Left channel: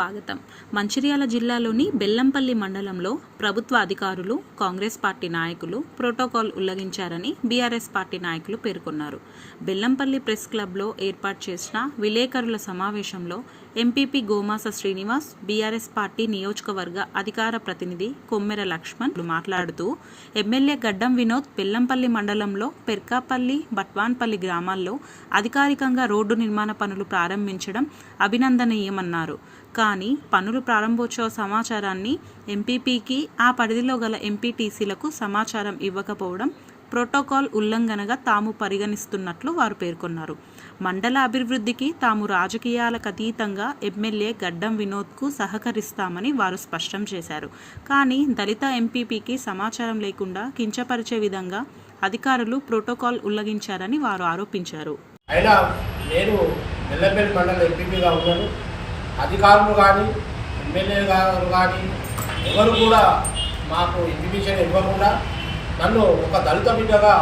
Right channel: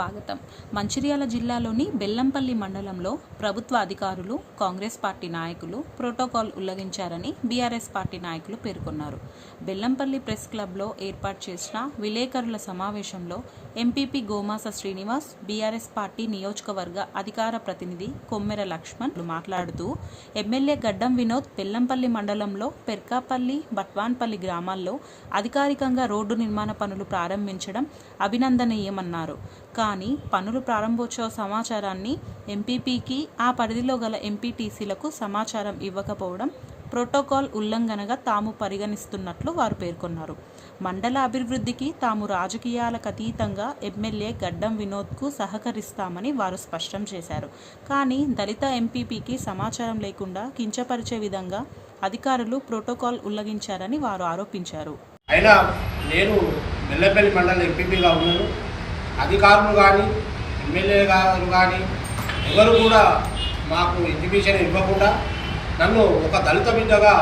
స్వాగతం. మంచిర్యాల జిల్లాలోని బెల్లంపల్లి మండలంలో ప్రభుత్వ అధికారులు, కాంగ్రెస్ పార్టీ నాయకులు ప్రోటోకాల్ ఉల్లంఘించారని బీఆర్ఎస్ పార్టీ నాయకులు పేర్కొన్నారు. బెల్లంపల్లి ప్రెస్ క్లబ్లో ఏర్పాటు చేసిన విలేకరుల సమావేశంలో MPP Gomasa Srinivas, BRS party నియోజకవర్గ అధికార ప్రతినిధి కొమ్మెర లక్ష్మణ్ మాట్లాడుతూ ఎమ్మెల్యే గడ్డం వినోద్ బెల్లంపల్లి మండలంలో పెర్కాపల్లి, బట్వాన్పల్లి గ్రామాల్లో అధికారికంగా రోడ్డు నిర్మాణ పనులు ప్రారంభించడం అభినందనీయమన్నారు. కానీ పనులు ప్రారంభోత్సవ సమాచారాన్ని ఎంపీపీకి, ఆ పరిధిలో గల ఎంపీటీసీలకు సమాచారం ఇవ్వకపోవడం ప్రోటోకాల్ ఉల్లంఘనగా తాము పరిగణిస్తున్నట్లు వారు పేర్కొన్నారు. మండల అభివృద్ధికి తాము రాజకీయాలకు అతీతంగా ఎమ్మెల్యే గడ్డం వినోద్కు సహకరిస్తామని వారు స్పష్టం చేశారు. కానీ దళిత ఎంపీపీకి సమాచారం లేకుండా కించపరిచే విధంగా అధికారులు ప్రోటోకాల్ ఉల్లంఘించారని వారు ఆరోపించారు. అయినా నేను బెల్లంపల్లి మండల ఎంపీపీగా ఉన్నాను. అధికారులు కానీ ఎమ్మెల్యే గారు కానీ ఎవరు కూడా మాకు ఇంటిమేషన్ ఇవ్వకుండా నన్ను ఒక దళిత బిడ్డగా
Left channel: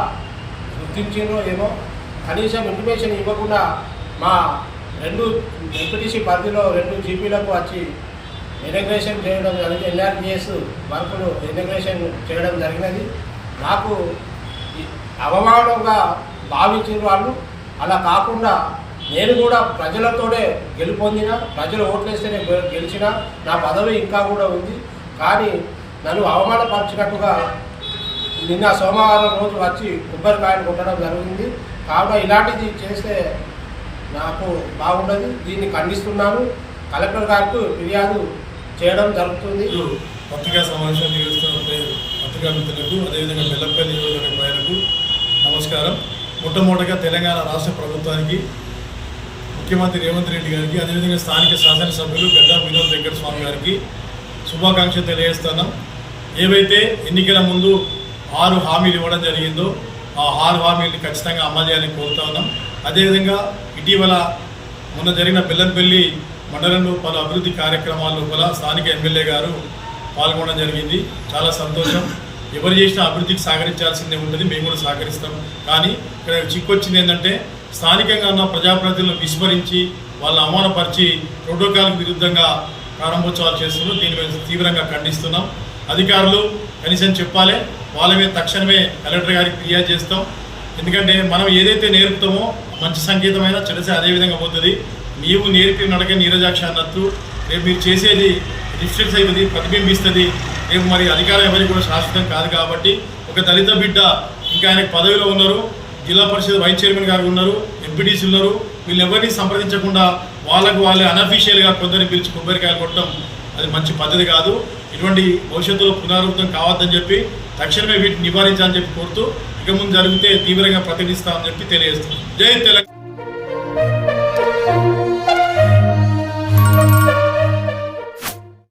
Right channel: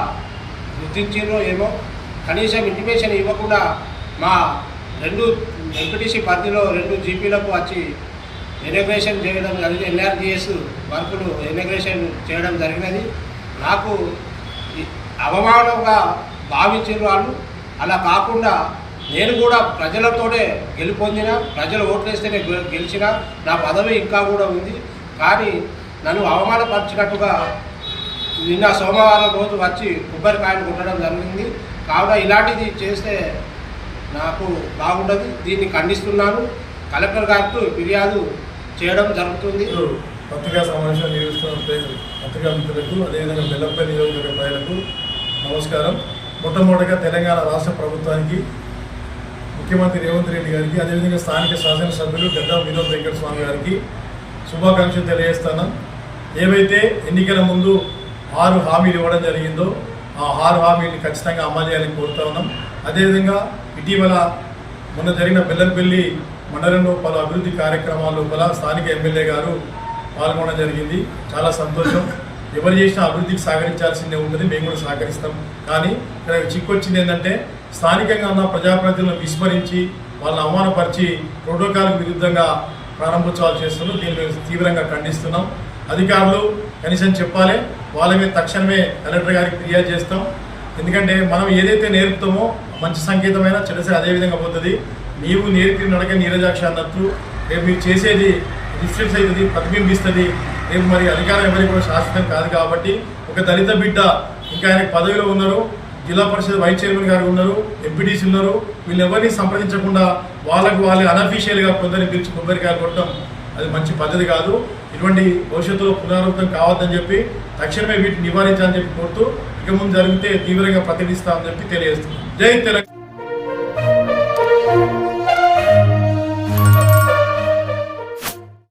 గుర్తించిందో ఏమో, కనీసం ఇంటిమేషన్ ఇవ్వకుండా మా 2 ఎంపీటీసీ పరిధిలో 2 జీపీలకు వచ్చి ఇనాగ్రేషన్ చేయడం జరిగింది. ఎన్ఆర్జీఎస్ వర్కులు ఇనాగ్రేషన్ చేయడం జరిగినది. నాకు అవమానంగా భావించిన వాళ్ళు. అలా కాకుండా నేను కూడా ప్రజలతోనే గెలుపొందిన, ప్రజలు ఓట్లేస్తేనే గెలిచిన, నా పదవి ఇంకా కూడా ఉంది. కానీ నన్ను అవమానపరిచినట్టుగా నిన్న సోమవారం రోజు వచ్చి కొబ్బరికాయలు కొట్టడం జరిగింది. కావున ఇలాంటిది చేస్తే నాకు బాగుండదు. దీన్ని ఖండిస్తున్నాను. కలెక్టర్ గారికి ఫిర్యాదు చేయడం జరుగుతుంది. పత్రికా సమావేశాలు నిర్వహిస్తున్న పత్రికా మిత్రులకు, అదేవిధంగా బెల్లంపల్లి నియోజకవర్గ ప్రజలకు నమస్కారం. మొట్టమొదటిగా తెలంగాణ రాష్ట్ర ప్రభుత్వానికి, ముఖ్యమంత్రి రేవంత్ రెడ్డి గారికి, అదేవిధంగా స్థానిక శాసనసభ్యులు గడ్డం వినోద్ వెంకట స్వామి గారికి శుభాకాంక్షలు తెలియజేస్తున్నాం. ఏవైతే ఎన్నికల ముందు 6 హామీలు ఇవ్వడం జరిగిందో ఆ 6 హామీలను ఖచ్చితంగా అమలు చేయాలని కోరుతా ఉన్నాం. అదేవిధంగా ఇటీవల మొన్న జరిగిన బెల్లంపల్లి మండలంలో పలు అభివృద్ధి కార్యక్రమాల లోపల స్థానిక ఎమ్మెల్యే గారు పాల్గొనడం జరిగింది. చాలా సంతోషం. ఎవరు చేసినా అభివృద్ధికి సహకరించాల్సిందే ఉంటుంది, మేము కూడా సహకరిస్తాం. కానీ ఇక్కడ చిక్కొచ్చింది ఏంటంటే, స్థానికంగా ఉన్న ప్రజాప్రతినిధులను విస్మరించి వాళ్ళని అవమానపరిచి ప్రోటోకాల్కి విరుద్ధంగా ప్రారంభోత్సవాలు చేస్తున్నాం. దీన్ని మేము తీవ్రంగా ఖండిస్తున్నాం. అధికారులు కనీసం చెప్పాలి, వాళ్ళ మీద తక్షణమే కలెక్టర్ గారికి ఫిర్యాదు చేస్తాం. ఎందుకంటే మనం ఏదైతే నేర్పుతామో మంచి సంకేతమైన చెడసే అదేవిధంగా పోతుంది. నీవు నేర్పిన నడక నీరజాక్ష అన్నట్టు రేపు మీరు చేసేది రిఫ్లెక్స్ అవుతుంది, ప్రతిబింబిస్తుంది. రేపు మరి అధికారం ఎవరికి కూడా శాశ్వతం కాదు. కాబట్టి ఒక దళిత బిడ్డ ఇంకా ఆయనకు పదవిలో ఉన్నారు, జిల్లా పరిషత్ వైస్ చైర్మన్ గారు ఉన్నారు, ఎంపీటీసీ ఉన్నారు. వీళ్ళు ఎవరిని సంప్రదించకుండా వాళ్ళే అనఫీషియల్గా కొందరిని పిలిచి కొబ్బరికాయలు కొట్టడం అది మంచి పద్ధతి కాదు. ఇటువంటి భవిష్యత్తులో పునరావృతం కావద్దని చెప్పి తక్షణమే వీటిని నివారించాలని చెప్పి కోరుతూ, ఇక ముందు జరిగితే తీవ్రంగా ప్రతిఘటిస్తామని చెప్పి తెలియజేస్తుంది. జై తెలంగాణ.